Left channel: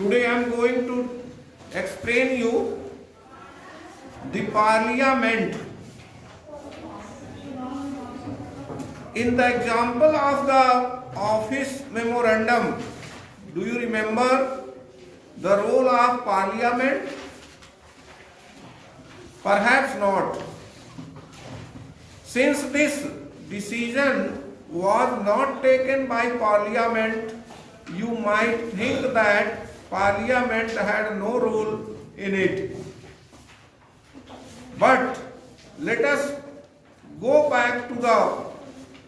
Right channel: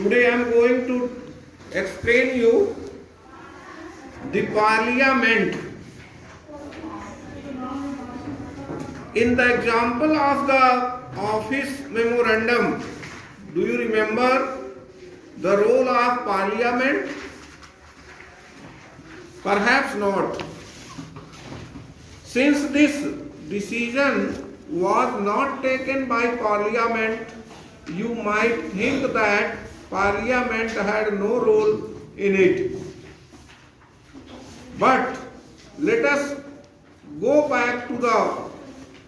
Today I am going to explain you the parliament. In the example of the office memorandum, do you remember the role of parliament? Perhaps not. Since this decision was not taken by parliament, you might think that parliament had no role in it. But let us go back to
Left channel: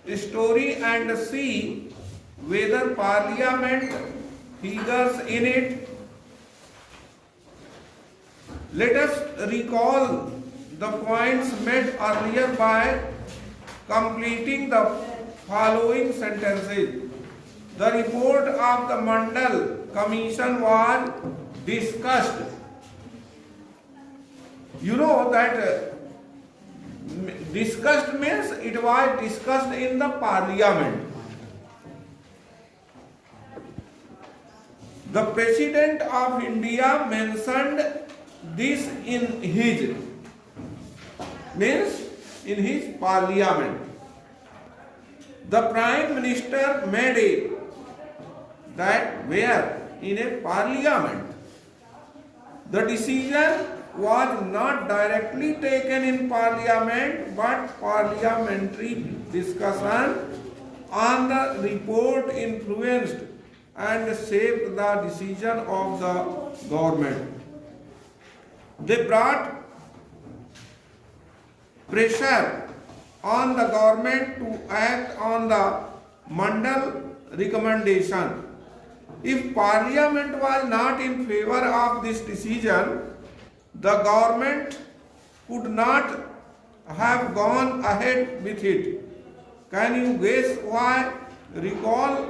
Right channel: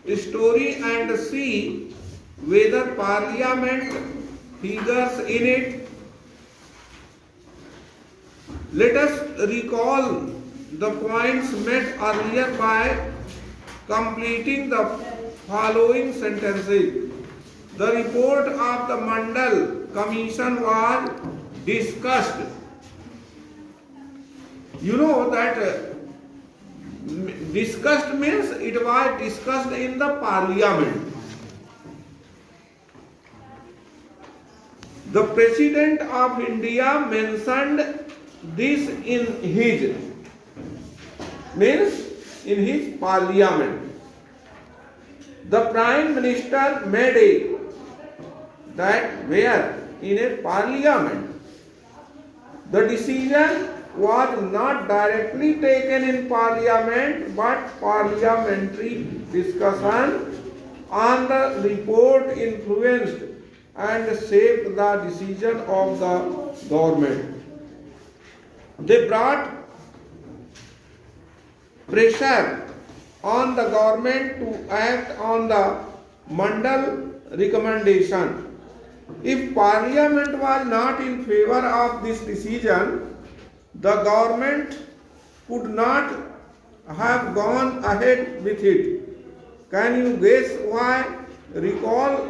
the story and see whether parliament figures in it. Let us recall the points made earlier by completing the following sentences. The report of the Mandal Commission was discussed. You know that discussed means it was discussed in the parliament. The President of India mentioned this in his parliament. The Prime Minister made it that where in a parliament. The decision was not directly taken in parliament, but parliamentary discussion on the report influenced and shaped the decision of the government. They brought pressure on the government to act on the Mandal recommendation. If parliament was not in favor of this decision, the government could not have gone ahead with it. Can you guess why? Recall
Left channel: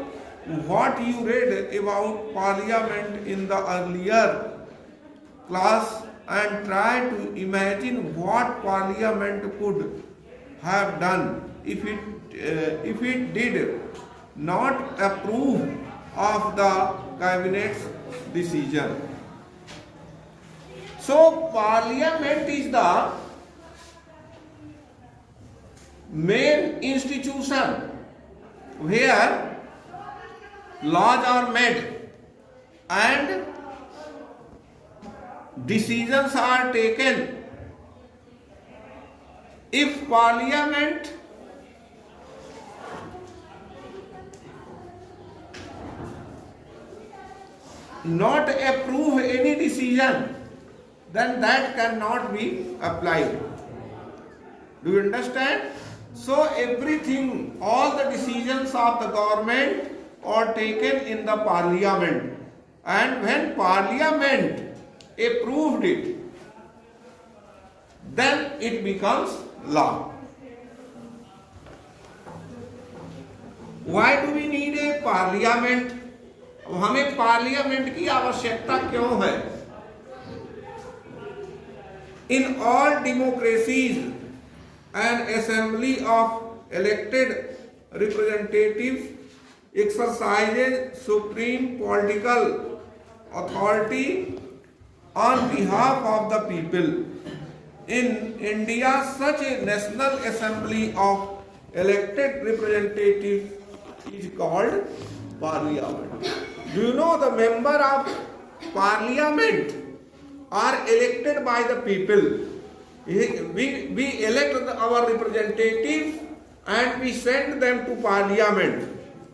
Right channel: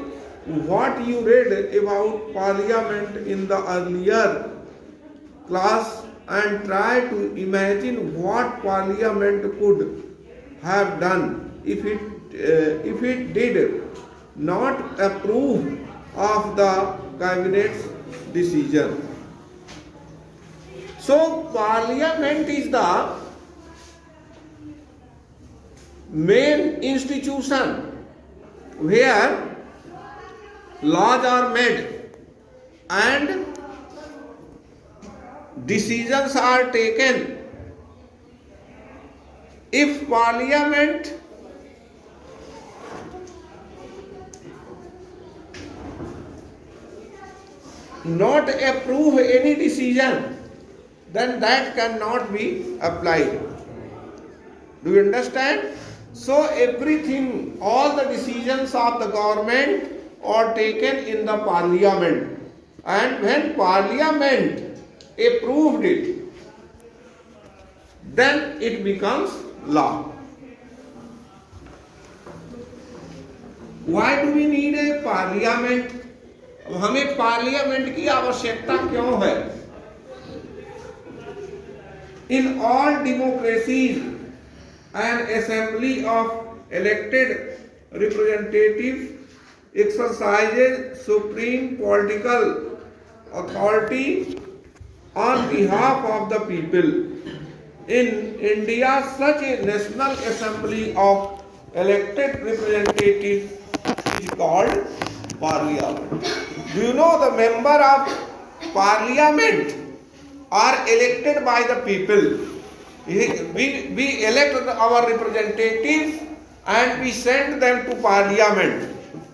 what you read about parliament in the earlier class and try to imagine what parliament could have done if it did not approve of the cabinet's decision. So parliament is the main institution where laws are made and decisions are taken. If parliament not approve any decision, then that cannot be applied. Do you understand? So everything, all the decisions of the government are taken in the parliament, and when parliament approved it, then it becomes law. Why do we need a parliament? हमें parliament की आवश्यकता क्यों है? In all democracies, an assembly of elected representatives exercises supreme political authority on behalf of the people. In India, such a national assembly of elected representatives is called parliament. Do you know the member of parliament are elected by the people? We elect our representatives and we send them to parliament.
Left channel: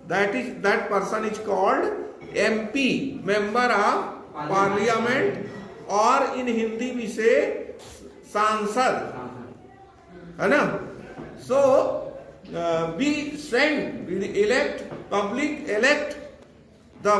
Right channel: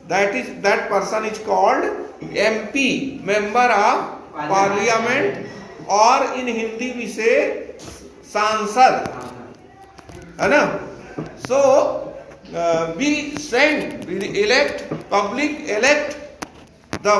That person is called MP, member of parliament, or in Hindi we say Sansad. So public elect the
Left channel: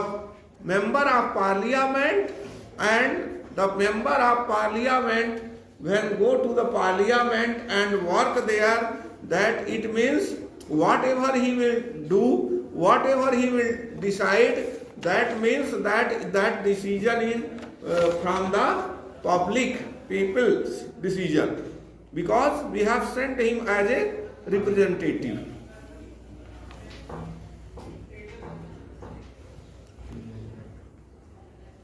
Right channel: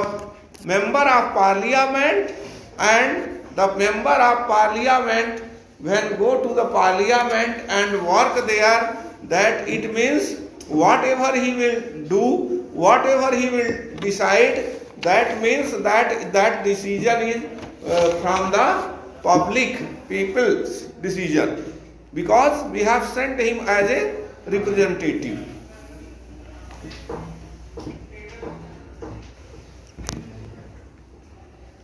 member of parliament, and the member of parliament when go to the parliament and work there, that it means whatever he will do, whatever he will decide, that means that decision is from the public people's decision, because we have sent him as a representative.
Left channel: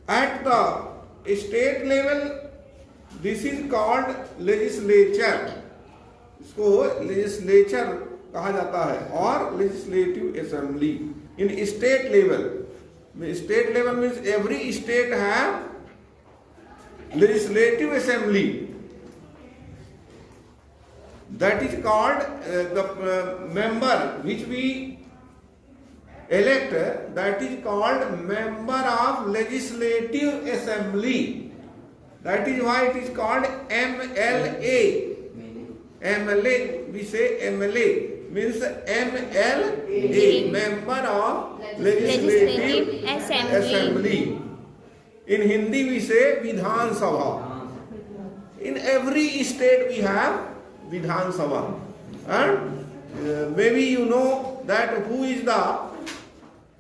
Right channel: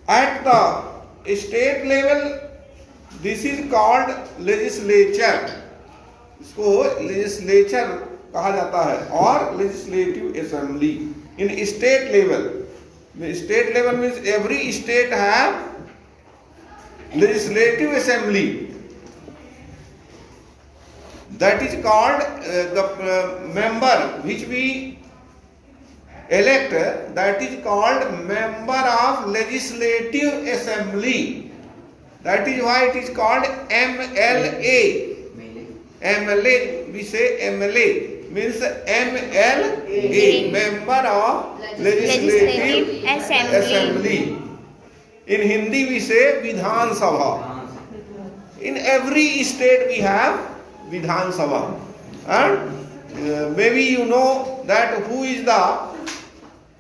At the state level, this is called legislature. इसको legislature कहा जाता है और legislative assembly. In state level means every state have legislative assembly. That is called the member which we elect, that is called member of legislative assembly. That is why it is called MLA. MLA, we say MLA means MLA, member of legislative assembly. In Hindi we say Vidhan Sabha. In every state we have Vidhan Sabha. And maybe you know that who is the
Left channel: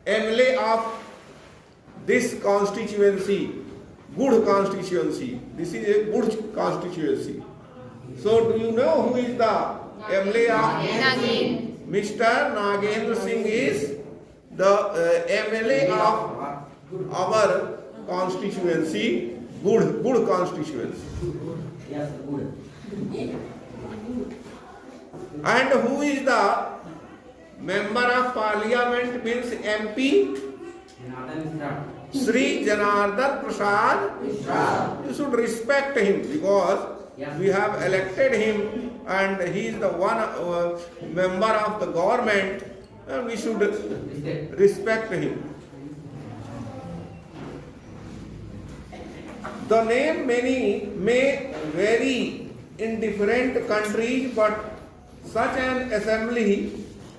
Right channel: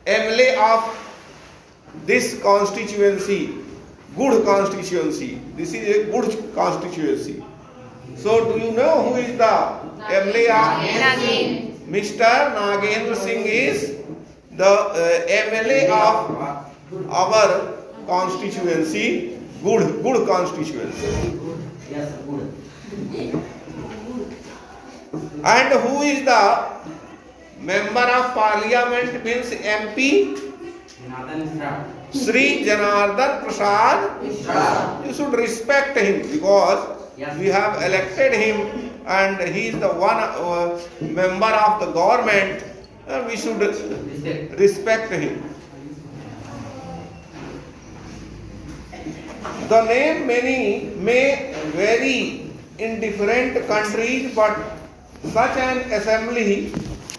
MLA of this constituency, good constituency. This is a good constituency. So do you know who is the MLA of Nagin. Mr. Nagendra Singh is the MLA of our constituency, good constituency. Yes, good. And who is the member of parliament means MP? Sri Janardhan Prasad. You should respect him because we have elected him and he is the one member of the government and we should respect him. The name may vary in different countries, but such an assembly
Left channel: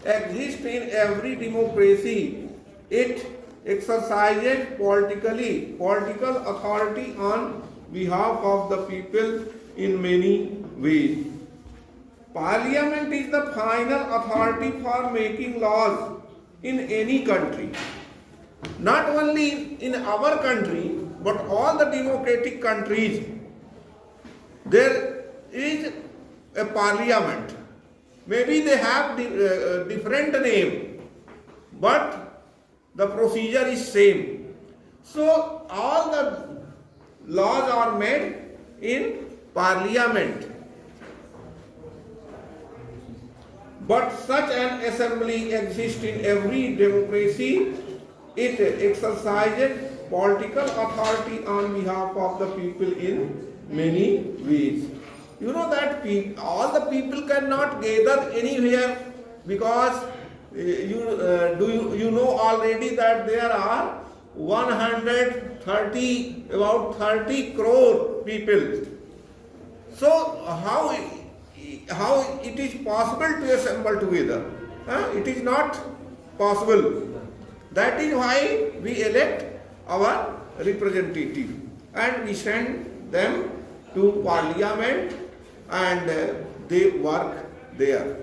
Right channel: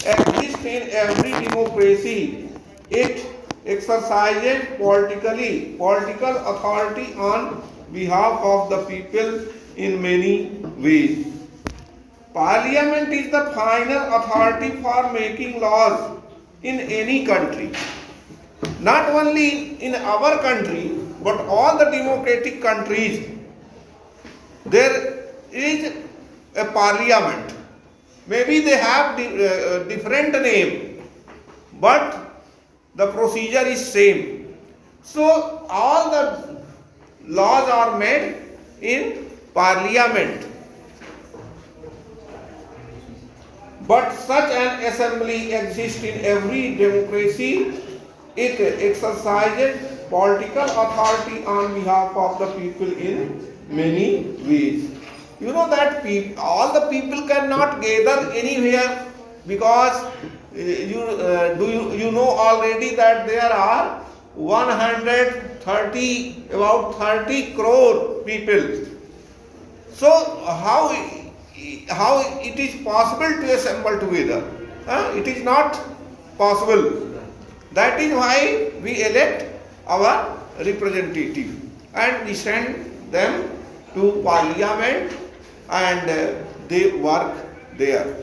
exists in every democracy. It exercises political authority on behalf of the people in many ways. Parliament is the final authority for making laws in any country. Not only in our country, but all the democratic countries, there is a parliament. Maybe they have different name, but the procedure is same. So all the laws are made in parliament. But such an assembly exists in every democracy. It exercises political authority on behalf of the people in many ways. You know that all the people cannot gather anywhere because you know already that there are about 30 crore people. So how it is possible to assemble together? It is not possible. That is why we elect our representative and we send them to parliament and they work there.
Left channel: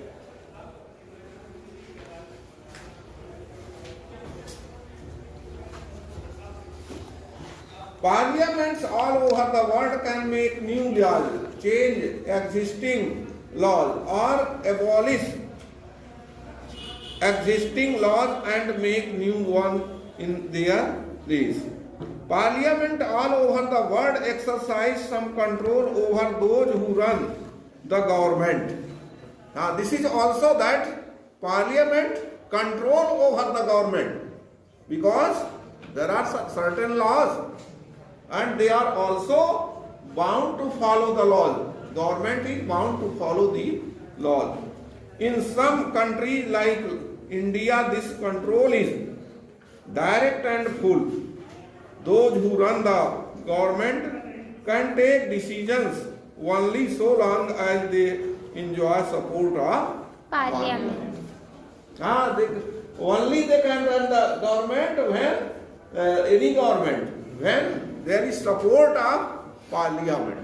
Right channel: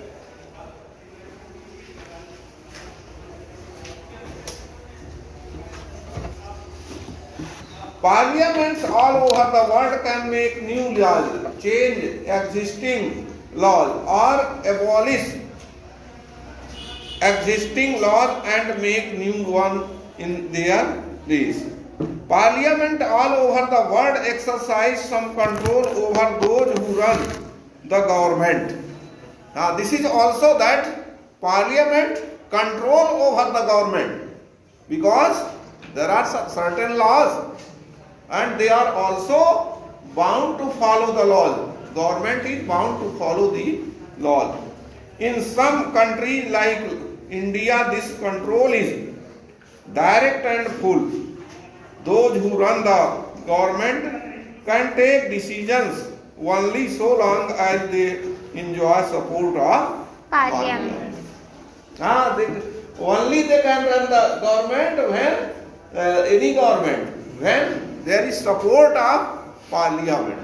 Parliaments all over the world can make new laws, change existing laws or abolish existing laws and make new one in their place. Parliament all over the world exercise some control over those who run the government. Now this is also that Parliament control over the government because there are certain laws and they are also bound to follow the laws. Government is bound to follow the laws. In some countries like India, this control is direct and full. Those who run the government can take decisions only so long as they enjoy support of Parliament. Only they can run the government when any government when there is support of Parliament.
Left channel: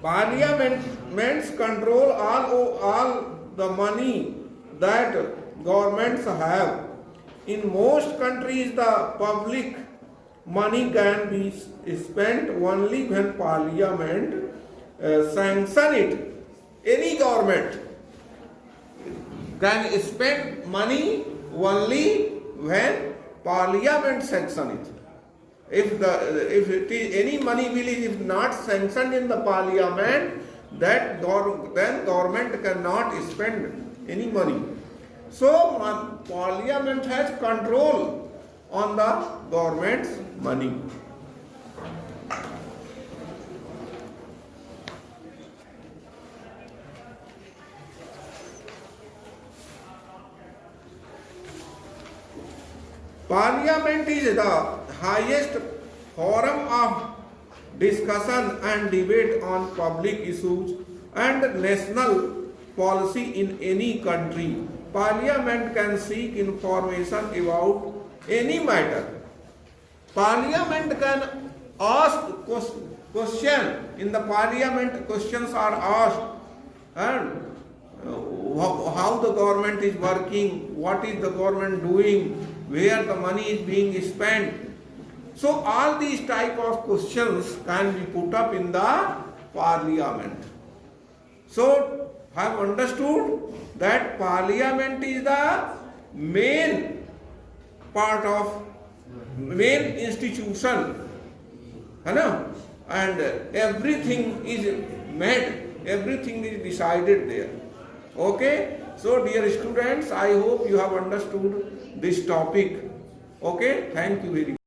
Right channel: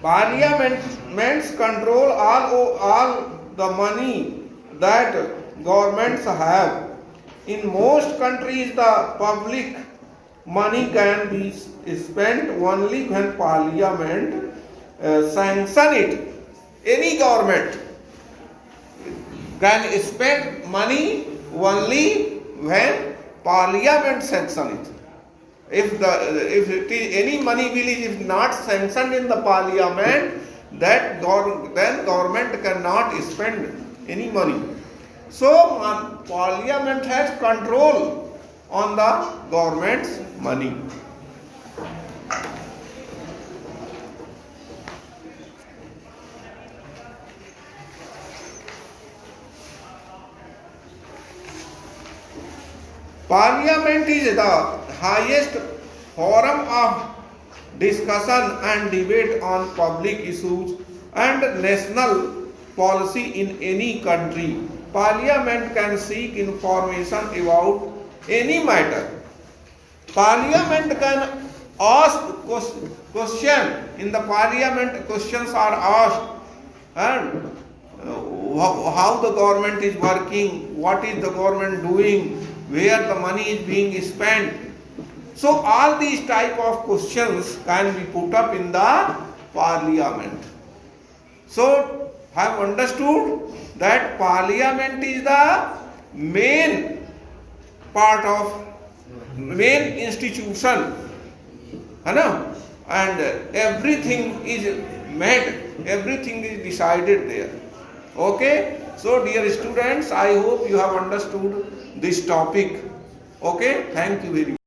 Parliaments control all the money that governments have. In most countries, the public money can be spent only when Parliament sanction it. Any government can spend money only when Parliament sanction it. if it is, any money bill is not sanctioned in the parliament, then government cannot spend any money. So parliament has control on the government's money. Parliament is the highest forum of discussion and debate on public issues and national policy in any country. Parliament can seek information about any matter. Parliament can ask question. In the parliament, questions are asked, and how the government is working, what is the government doing, where the money is being spent. So all these type of questions can be put up in the parliament. So have understood that parliament is the main part of main institution, है ना? And everything is made, everything is decided there. Okay, so dear students, I hope you have understood this topic. Okay, thank you very much.